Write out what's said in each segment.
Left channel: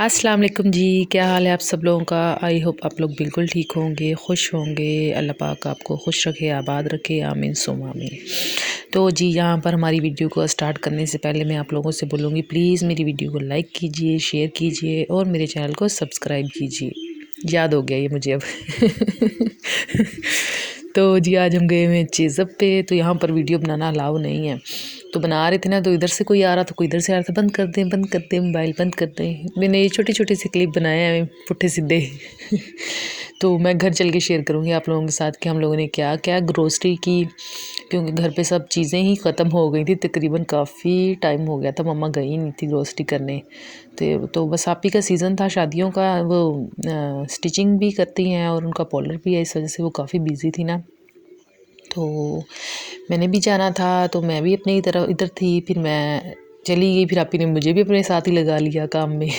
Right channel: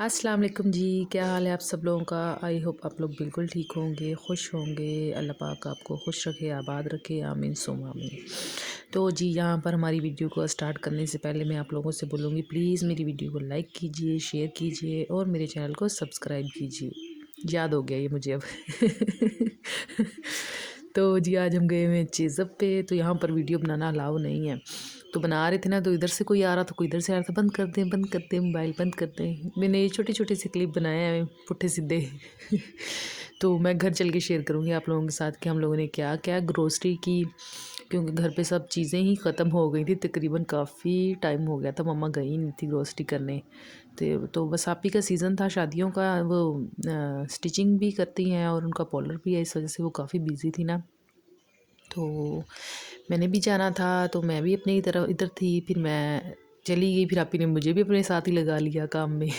अस्सलाम वालेकुम जी। क्या हाल है आप सब लोगों का। आई होप आप लोग बिल्कुल ठीक होंगे, खुश होंगे। अल्लाह पाक आपको खुश रखे, आबाद रखे, आमीन सुम आमीन। तो जी यहाँ पर हमारी वीडियो को स्टार्ट करने से पहले मैं आप लोगों से बोलूँगी, प्लीज़ मेरी वीडियो को लाइक कीजिए, शेयर कीजिए और मेरे चैनल को सब्सक्राइब कीजिए। याद हो गया ये मुझे अब तो जी आज हम गए हुए हैं चेज़अप पे। तो यहाँ पर वीडियो बनाना अलाउ नहीं है, तो बना रहे थे ना, तो इधर से कोई आ रहा था, कोई इधर से आ रहा था। बंद कर दें, बंद कर दें, मोबाइल बंद कर दें। मैंने ये छोटे छोटे से क्लिप बनाए हैं पुट्ठे सीधे तो मैं घर चल के शेयर करूँगी आप लोगों के साथ कि हम लोगों ने क्या क्या ग्रोसरी की, क्योंकि घर पे सब चीज़ें ही ख़त्म हो गई थी तकरीबन। काफ़ी टाइम हो गया था, मम्मा गई नहीं थी ग्रोसरी करने। तो बस आप ही का सीज़न था शादियों का। वो स्टिचिंग भी करती हैं और उनका पार्लर भी है, इस वजह से वो काफ़ी बिज़ी थी ना। तो मैंने भी जाना था, तो मैं भी अपनी तरफ इधर थी। फिर मैं चली गई, फिर आपी ने मुझे भी अपने साथ ही लगा लिया काम में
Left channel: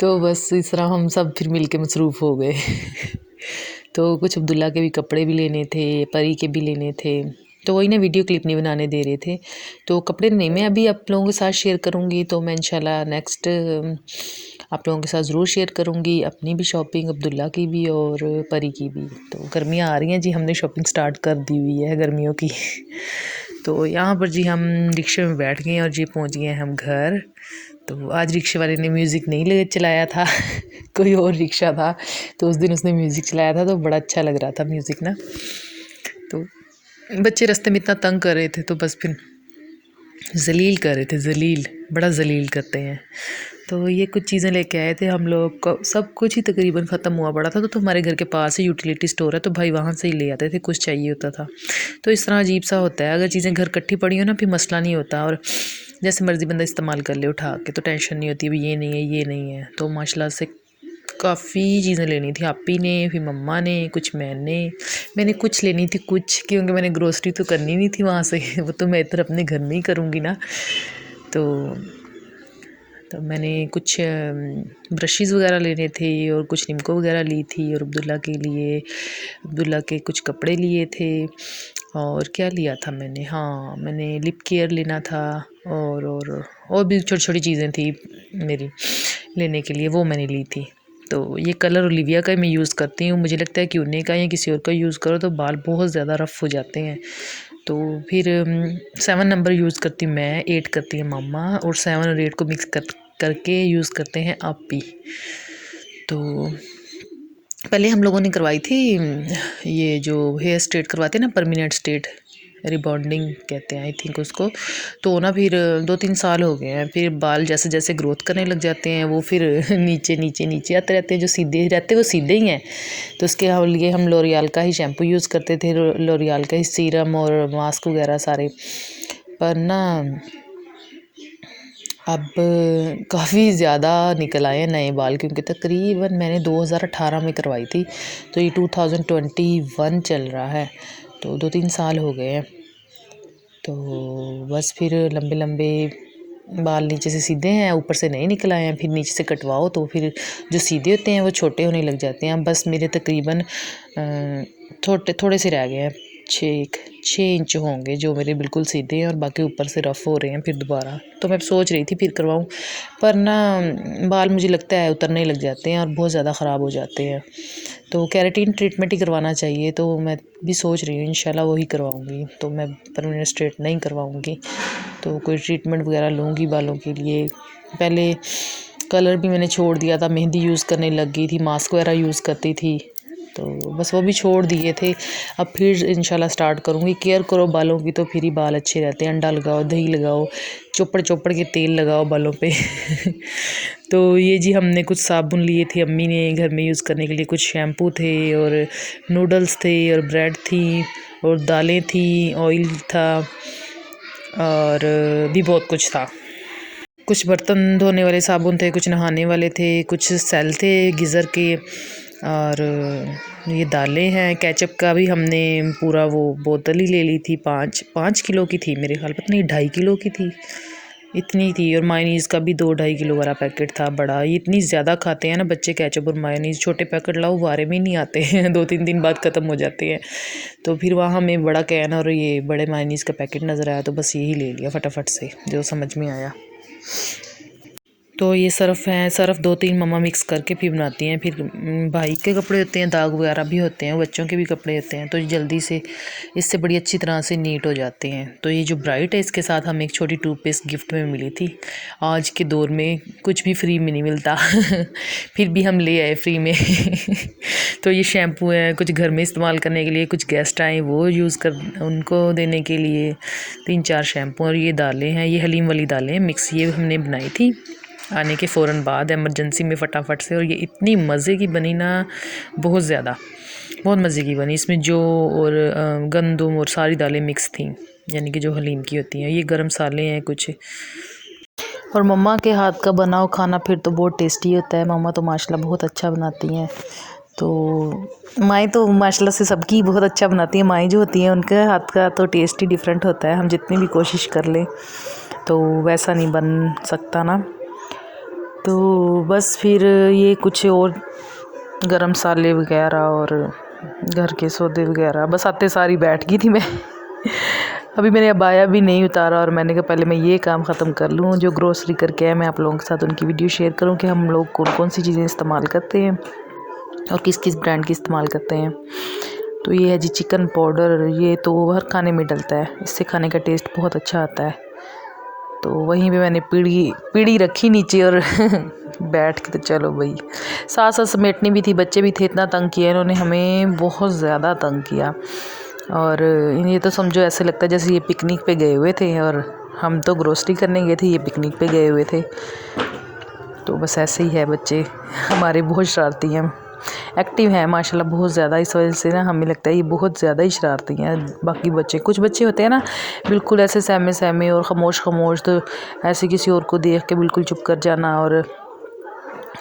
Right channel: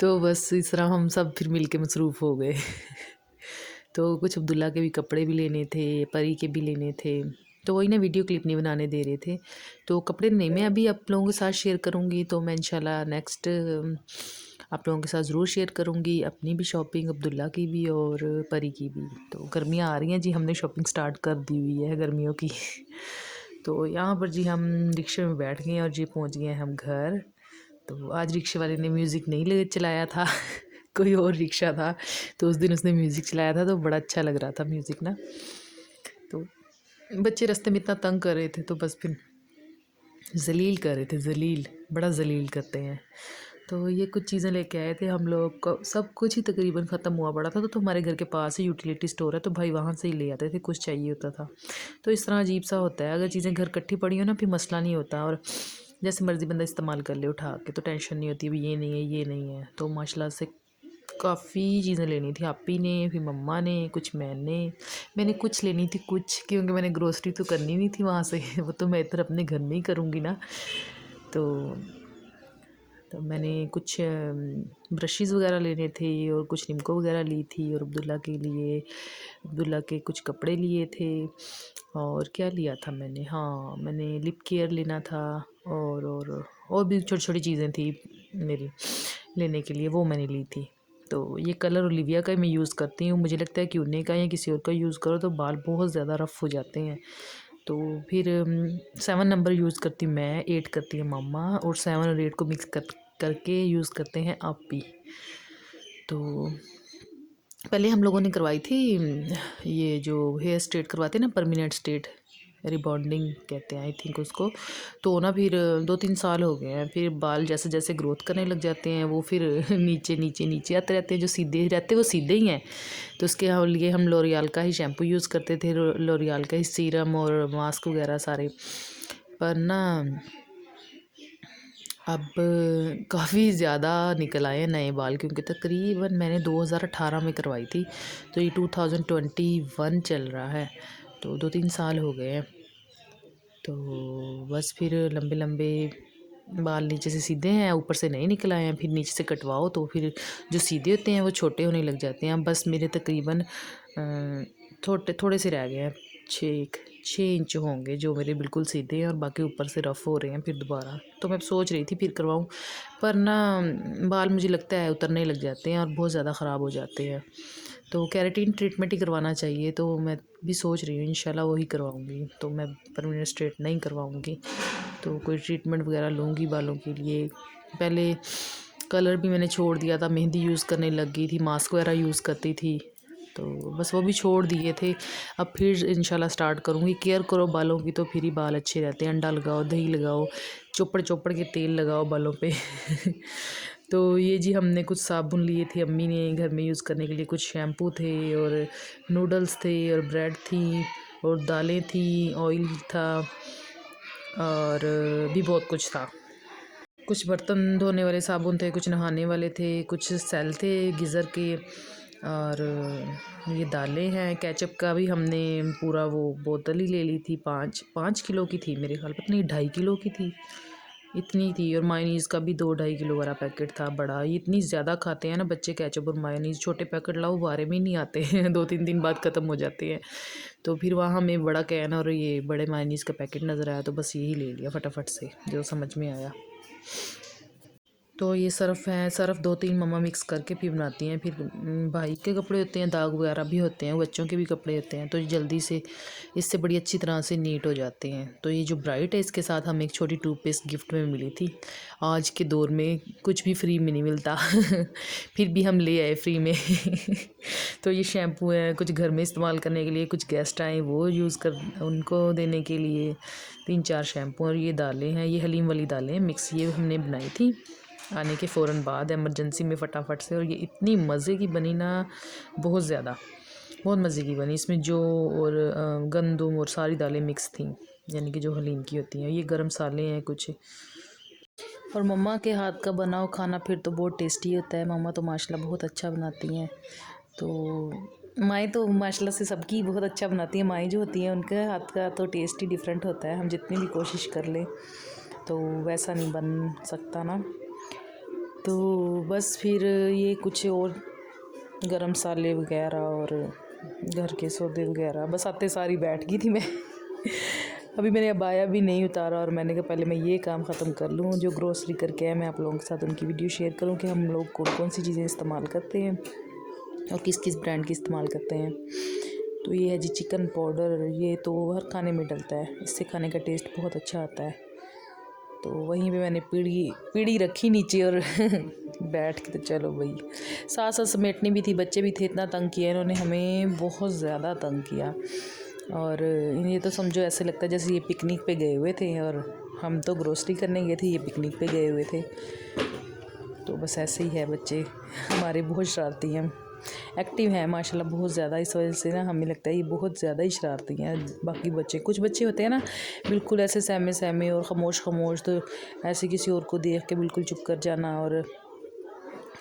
तो बस इस तरह हम सब फिर मिल के मसरूफ़ हो गए तो कुछ अब्दुल्ला के भी कपड़े भी लेने थे, परी के भी लेने थे। तो वही ना, वीडियो क्लिप नहीं बनाने दे रहे थे। तो कपड़े नहीं मैं अभी आप लोगों के साथ शेयर करूँगी, तो मैं इंशाल्लाह नेक्स्ट आप लोगों के साथ ज़रूर शेयर करूँगी अपनी भी शॉपिंग, अब्दुल्ला की भी और परी की भी। तो गर्मियाँ आ रही हैं जी, हमने शॉपिंग स्टार्ट कर दी हुई है गर्मियों की तो यहाँ पर जी हम रिक्शे में बैठ गए और जी पहुँच गए हम घर। तो आज रिक्शे वाले ने म्यूज़िक नहीं ले चलाया था कोई और रिक्शा था, तो उस दिन उसने म्यूज़िक चलाया था, तो बड़ा अच्छा लग रहा था म्यूज़िक ना। तो बच्चे रास्ते में इतना तंग कर रहे थे, तो बस फिर जलील कर रहे थे, जलील बड़ा जलील करते हैं। तो ये कुछ चीज़ें लेके आए थे हम लोग को, सब कुछ ही तकरीबन ख़त्म हुआ पड़ा था। तो हमारे घर के पास ही यूटिलिटी स्टोर है, तो भाई वहाँ से ही ले आते थे, कुछ चाहिए होता था। तो इस तरह अजीब सा होता है, अगर चीज़ें घर इकट्ठी पड़ी हो ना, फिर मसला नहीं होता और जैसे मर्ज़ी बंदा इस्तेमाल कर ले उठा के, तो टेंशन नहीं होती, अभी ये नहीं है, ये नहीं है। तो माशाल्लाह से काफ़ी चीज़ें लेनी थी आपी ने, फिर मम्मा ने, कुछ मैंने कुछ लेनी थी कुछ, क्योंकि मैंने ग्रोसरी तो करनी नहीं थी वहाँ से वो तो मैं इधर अपने घर में ही करूँगी ना। तो मैंने कुछ ब्रशेज़ वगैरह लेने थे और कुछ निमको वगैरह ली थी, और अब्दुल्ला के लिए, अब्दुल्ला के कुछ कपड़े लिए थे। और क्या लिया था मैंने, हाँ मैंने लिप केयर लेना था, और भी छोटी छोटी चीज़ें थी मेरी लेने के लिए, वो मैंने ली थी। तो ये कलर ओलिविया का मैं यूज़ करती हूँ। मुझे लगता है कि उने का या किसी और का यूज़ करो तो बाल बहुत ज़्यादा रफ़ हो जाते हैं। तो फिर 7 नंबर यूज़ करती हूँ मैं, 8 करती है मम्मा, और 7 और 8 को मिक्स करके यूज़ करते हैं आपी। तो पहले हम लोगों ने करवाई थी ये जो हेयर स्ट्रेट करवाते हैं ना, परमानेंट स्ट्रेट, रिबॉन्डिंग कहते हैं आई थिंक उसको। तो ना फिर 2-3 साल हो गए हैं, फिर बाल जैसे जैसे ग्रोथ करने लग जाते हैं वो फिर नीचे नीचे नीचे आते रहते हैं। जो सीधे रहते हैं वो सीधे ही हैं। तो उसके लिए हम लोरियाल का ही शैम्पू यूज़ करते थे, लोरियाल का ही सीरम और मास्क वगैरह सारे। पर ना अब काफ़ी ज़्यादा निकल आए हैं नए बाल, क्योंकि तकरीबन मैंने 2018 में करवाई थी, तो ये 2021 चल रहा है, तो 2-3 साल हो गए हैं। तो बस फिर लंबे लंबे बाल नीचे से सीधे हैं, ऊपर से नहीं निकल आए हैं। फिर नीचे से कटवाओ तो फिर जो सीधे होते हैं वो छोटे होने लग जाते हैं। बस मेरे तकरीबन थोड़े से रह गए हैं, 6 इंच होंगे जो मेरे बिल्कुल सीधे हैं, और बाकी ऊपर से रफ़ हो रहे हैं फिर दोबारा। तो मैं सोच रही थी फिर करवाऊँ, पर ना बाल मुझे लगता है उतरने लग जाते हैं और बहुत ज़्यादा ख़राब हो जाते हैं। तो केराटिन ट्रीटमेंट ही करवाना चाहिए, तो मैं भी सोच रही हूँ इंशाल्लाह वही करवाऊँगी। तो मैं परमानेंट स्ट्रेट नहीं करवाऊँगी, तो कोई ट्रीटमेंट वगैरह लूँगी बालों के लिए। पहले कलर भी मैंने छोड़ दिया था, मेहंदी यूज़ करने लग गई थी, मास्क वगैरह यूज़ करती थी, तो बस वो भी छोड़ दिए थे। अब फिर इंशाल्लाह स्टार्ट करूँगी। केयर करो बालों की तो फिर ही बाल अच्छे रहते हैं। अंडा लगाओ, दही लगाओ, चोपड़ चोपड़ के तेल लगाओ बालों पे तो ये जी हमने कुछ साबुन लिए थे अम्मी ने घर में यूज़ करने के लिए, कुछ शैम्पू थे और नूडल्स थे और ब्रेड थी और दालें थी, ऑयल था, और भी बहुत कुछ था। कुछ बर्तन धोने वाले साबुन थे, कुछ नहाने वाले थे, कुछ सेल थे गीज़र के, और ये दालें हैं। केचप का भी हमने पूरा वो बोतल ही ले ली थी, 5 किलो की थी मेरे ख्याल, पता नहीं 2.5 किलो की थी, इतनी थी। और मायोनीज़ का भी 2-2.5 किलो वाला पैकेट था बड़ा। ये इतनी ज़्यादा खाते हैं ना बच्चे केचप और मायोनीज़, छोटे पैकेट लाओ वारे में ही नहीं आते हैं 2-3 दिन बाद ख़त्म हो जाते हैं। तो फिर वहाँ हमें बड़ा कैन और ये बड़े मायोनीज़ का पैकेट नज़र आया, तो बस यही ले लिया फटाफट से जो समझ में आया। तो ये सर्फ़ है, सर्फ़ 2-3 मम्मा मिक्स करके फिर बनाती हैं। फिर भाई के कपड़े होते हैं, दाग वगैरह भी होते हैं, बच्चों के भी कपड़े होते हैं, तो ये जल्दी से इससे बड़ी अच्छी तरह से नीट हो जाते हैं। तो ये जो ब्राइट है, इसके साथ हमें एक छोटी टूथपेस्ट गिफ्ट में मिली थी। आज के दौर में कुछ भी फ्री में नहीं मिलता फिर भी हम ले आए फ्री में तो ये शैम्पू है, कुछ घर में इस्तेमाल करने के लिए, कुछ गेस्ट आए वो यूज़ कर उनको देने के लिए 3-4 शैम्पू, और ये दालें हैं, ये हलीम वाली दालें मिक्स, ये हमने बनाई थी आने के फ़ौरन बाद इमरजेंसी में फटाफट से। और ये इतनी मज़े की बनी ना, बहुत ज़्यादा, बहुत मज़े की बनी। इसमें जो और गंदम और सारी दालें मिक्स थी, यानी कि जो हलीम की होती हैं। ये गरम मसाले हैं कुछ, और मम्मा के हाथ का बनाओ खाना फिर तो बहुत टेस्टी होता है। मम्मा तो माशाल्लाह बहुत अच्छा बनाती हैं। तो माएँ तो माशाल्लाह से सबकी बहुत अच्छा बनाती हैं। माएँ जो होती हैं उनके हाथ का तो टेस्ट ही डिफरेंट होता है। हम जितनी भी कोशिश कर लें तो वैसा नहीं बन सकता ना। तो बस फिर ये कुछ और गरम मसाले वगैरह और घर के सौदे वगैरह, बस आते सारी बैठ गई थी मैं अभी मैंने अबाया भी नहीं उतारा, और मैंने कहा पहले मैं ये काम ख़त्म कर लूँ। जो ग्रोसरी करके है मैं आप लोगों के साथ उनकी वीडियो शेयर करूँ कि हम लोग कौन कौन सी चीज़ें इस्तेमाल करते हैं और किस किस ब्रांड की इस्तेमाल करते हैं। तो ये है जी चिकन पाउडर, ये तो हर खाने में डलता है, इससे खाने का टेस्ट बहुत अच्छा आता है। तो वहीं पे मैंने पीढ़ी रखी नीचे और बैठ के, तो चलो भाई, साथ साथ समेटनी भी थी। बच्चे भी थे, इतना तंग किया इन्होंने हमें, बहुत ज़्यादा तंग किया। और ये तो समझो ऐसे लगता है जैसे ये पिकनिक पे गए हुए थे, और हम तो ग्रोसरी करने गए थे, ये पिकनिक पे गए हुए थे। तो बस ऐसे ही है बच्चे हमारे, बहुत शरारती हैं, एक्टिव हैं माशाल्लाह बहुत ज़्यादा। इस वजह से ना हमें लगता है ये बहुत ज़्यादा ही शरारती हैं। बाकी बच्चे, कुछ बच्चे होते हैं ना बिल्कुल ऐसे सहमे सहमे और ख़ामोश ख़ामोश, तो ऐसे किसी और को देख के बिल्कुल चुप कर जाना, और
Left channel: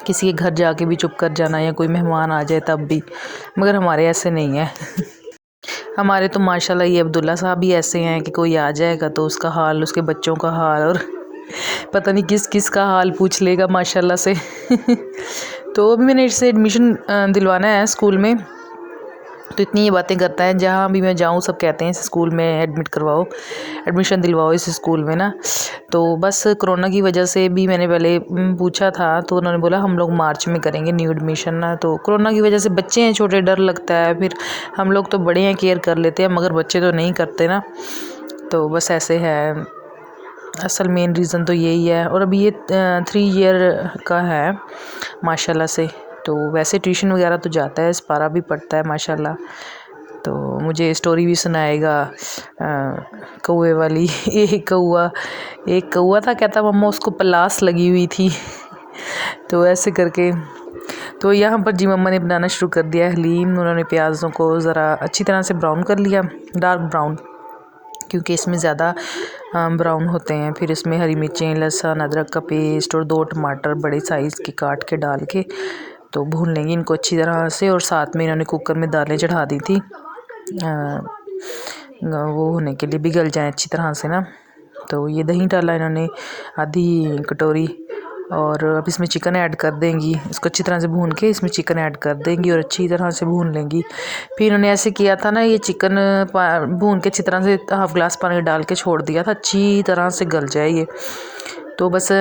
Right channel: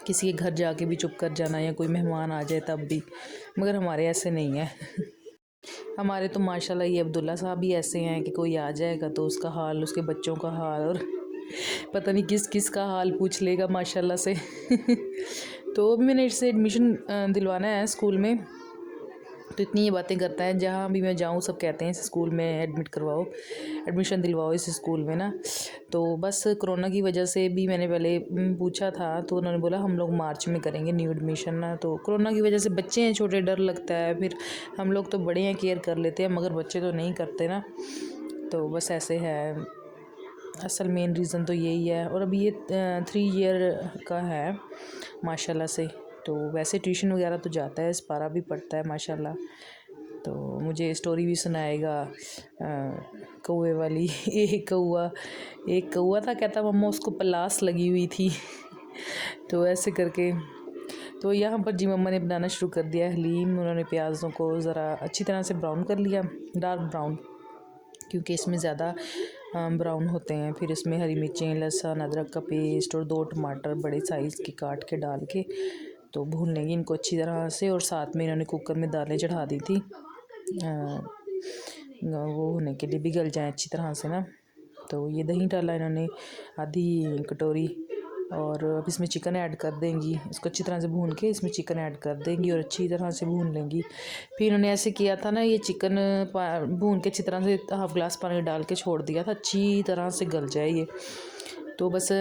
किसी के घर जाके भी चुप कर जाना, या कोई मेहमान आ जाए तब भी। मगर हमारे ऐसे नहीं है हमारे तो माशाल्लाह ये अब्दुल्ला साहब भी ऐसे हैं कि कोई आ जाएगा तो उसका हाल, उसके बच्चों का हाल, और पता नहीं किस किस का हाल पूछ लेगा माशाल्लाह से तो अभी मैंने इससे एडमिशन दिलवाना है स्कूल में। तो इतनी ये बातें करता है, जहाँ भी मैं जाऊँ सब कहते हैं इस स्कूल में एडमिट करवाओ, एडमिशन दिलवाओ इस स्कूल में ना। तो बस कोरोना की वजह से भी मैंने पहले पूछा था, तो उन्होंने बोला हम लोग मार्च में करेंगे न्यू एडमिशन ना। तो कोरोना की वजह से बच्चे हैं छोटे, डर लगता है, फिर हम लोग तो बड़े हैं केयर कर लेते हैं, मगर बच्चे तो नहीं करते ना। तो बस ऐसे है, असल मेन रीज़न तो यही है। और अभी ये 3 ईयर का है माशाल्लाह से। तो वैसे ट्यूशन वगैरह तो जाता है, पारा भी पढ़ता है माशाल्लाह। तो मुझे स्टोरी भी सुनाएगा कौवे वाली एक कौवा था, कहता मम्मा उसको पलास लगी हुई थी तो ऐसे करके। तो यहाँ पर जी मम्मा ने बनाना शुरू कर दिया हलीम। उन्होंने प्याज़ों को ज़रा अच्छी तरह से ब्राउन कर लिया, डार्क ब्राउन, क्योंकि इसमें ज़्यादा ब्राउन होते हैं। फिर इसमें हरी मिर्चें, लहसुन, अदरक का पेस्ट और 2 टमाटर बड़े साइज़ के काट के डाल के तो भून लेंगे इनको अच्छी तरह से। और साथ में इन्होंने कुकर में दालें चढ़ा दी थी वो होने के लिए, भी गल जाए अच्छी तरह से ना। तो ये दही डाला इन्होंने आधी कटोरी, और अब इसमें चिकन ऐड कर देंगी। इसको अच्छी तरह से भून के इसमें चिकन ऐड कर देंगी और अच्छी तरह से भून लेंगी। फिर इन्होंने ऐसे किया था ना, ये चिकन भून के अच्छी तरह से हाफ़ ग्लास पानी डाल के छोड़ दिया था, अच्छी तरह से गल जाए ये। तो बस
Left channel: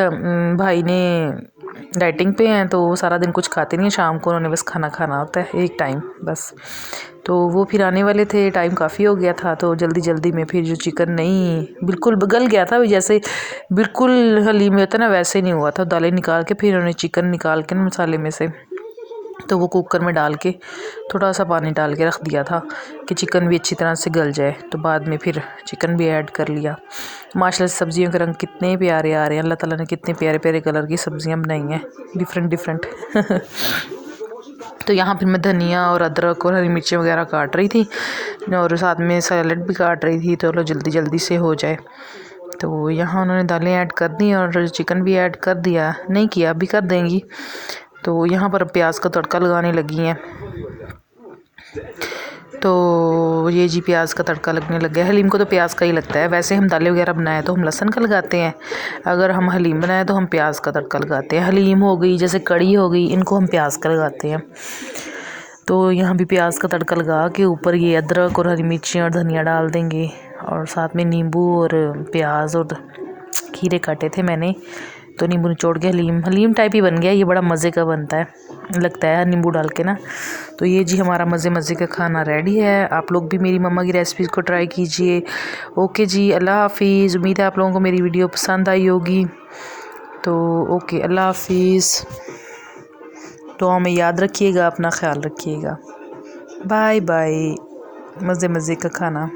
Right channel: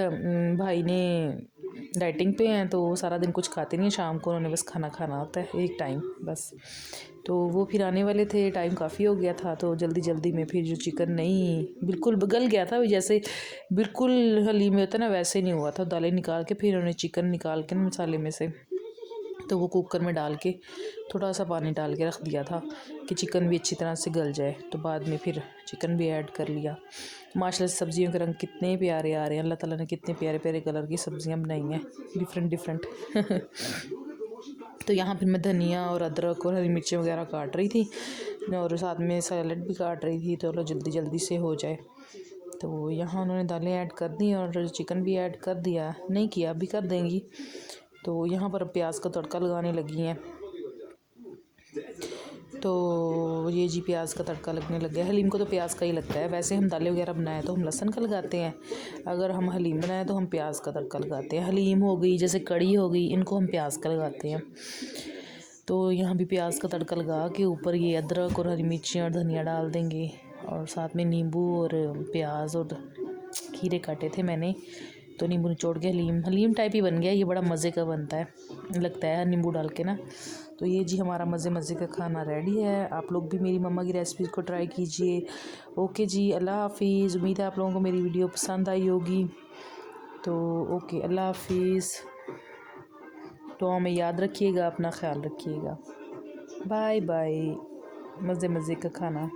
भाई ने डाइटिंग पे हैं तो वो सारा दिन कुछ खाते नहीं हैं, शाम को उन्होंने बस खाना खाना होता है एक टाइम बस। तो वो फिर आने वाले थे, टाइम काफ़ी हो गया था, तो जल्दी जल्दी में फिर जो चिकन नहीं बिल्कुल गल गया था, जैसे बिल्कुल हलीम में होता है ना वैसे नहीं हुआ था। दालें निकाल के फिर उन्होंने चिकन निकाल के ना मसाले में से, तो वो कुकर में डाल के थोड़ा सा पानी डाल के रख दिया था कि चिकन भी अच्छी तरह से गल जाए। तो बाद में फिर चिकन भी ऐड कर लिया। माशाल्लाह से सब्ज़ियों के रंग कितने प्यारे आ रहे हैं, अल्लाह ताला ने कितने प्यारे प्यारे कलर की सब्ज़ियाँ बनाई हैं, डिफरेंट डिफरेंट तो यहाँ फिर मैं धनिया और अदरक और हरी मिर्ची वगैरह काट रही थी, और साथ में सैलड भी काट रही थी, तो चलो जल्दी जल्दी से हो जाए। तो यहाँ उन्होंने दालें ऐड कर दी और चिकन भी ऐड कर दिया, नहीं किया अभी कर देंगी। तो यहाँ पर प्याज का तड़का लगाने लगी हैं। तो ये जी प्याज का तड़का लगने लग गया। हलीम को तो प्याज का ही लगता है, वैसे हम दालें वगैरह बनाए तो हम लहसुन का लगाते हैं, अगर हम हलीम बनाए तो हम प्याज का तड़का लगाते हैं। हलीम हो गई, जैसे कड़ी हो गई, इनको हम प्याज का लगाते हैं। तो यहाँ भी प्याज का तड़का लगा के ऊपर ये अदरक और हरी मिर्ची और धनिया डाल देंगे, और साथ में नींबू और प्याज और खीरे काटे थे मैंने, तो नींबू निचोड़ के हलीम हलीम टाइप ही बन गया। ये बड़ा मज़े का बनता है, लगता है नींबू डाल के ना। तो ये जी हमारा मज़े मज़े का खाना रेडी है। आप लोग भी मेरी मम्मा की रेसिपीज़ को ट्राई कीजिए। ओके जी, अल्लाह हाफिज़। उम्मीद है आप लोगों को मेरी वीडियो पसंद आई होगी। तो ओके, अल्लाह हाफिज़। तो हमें याद रखिएगा, अपना ख्याल रखिएगा। Bye bye. मज़े मज़े का खाना।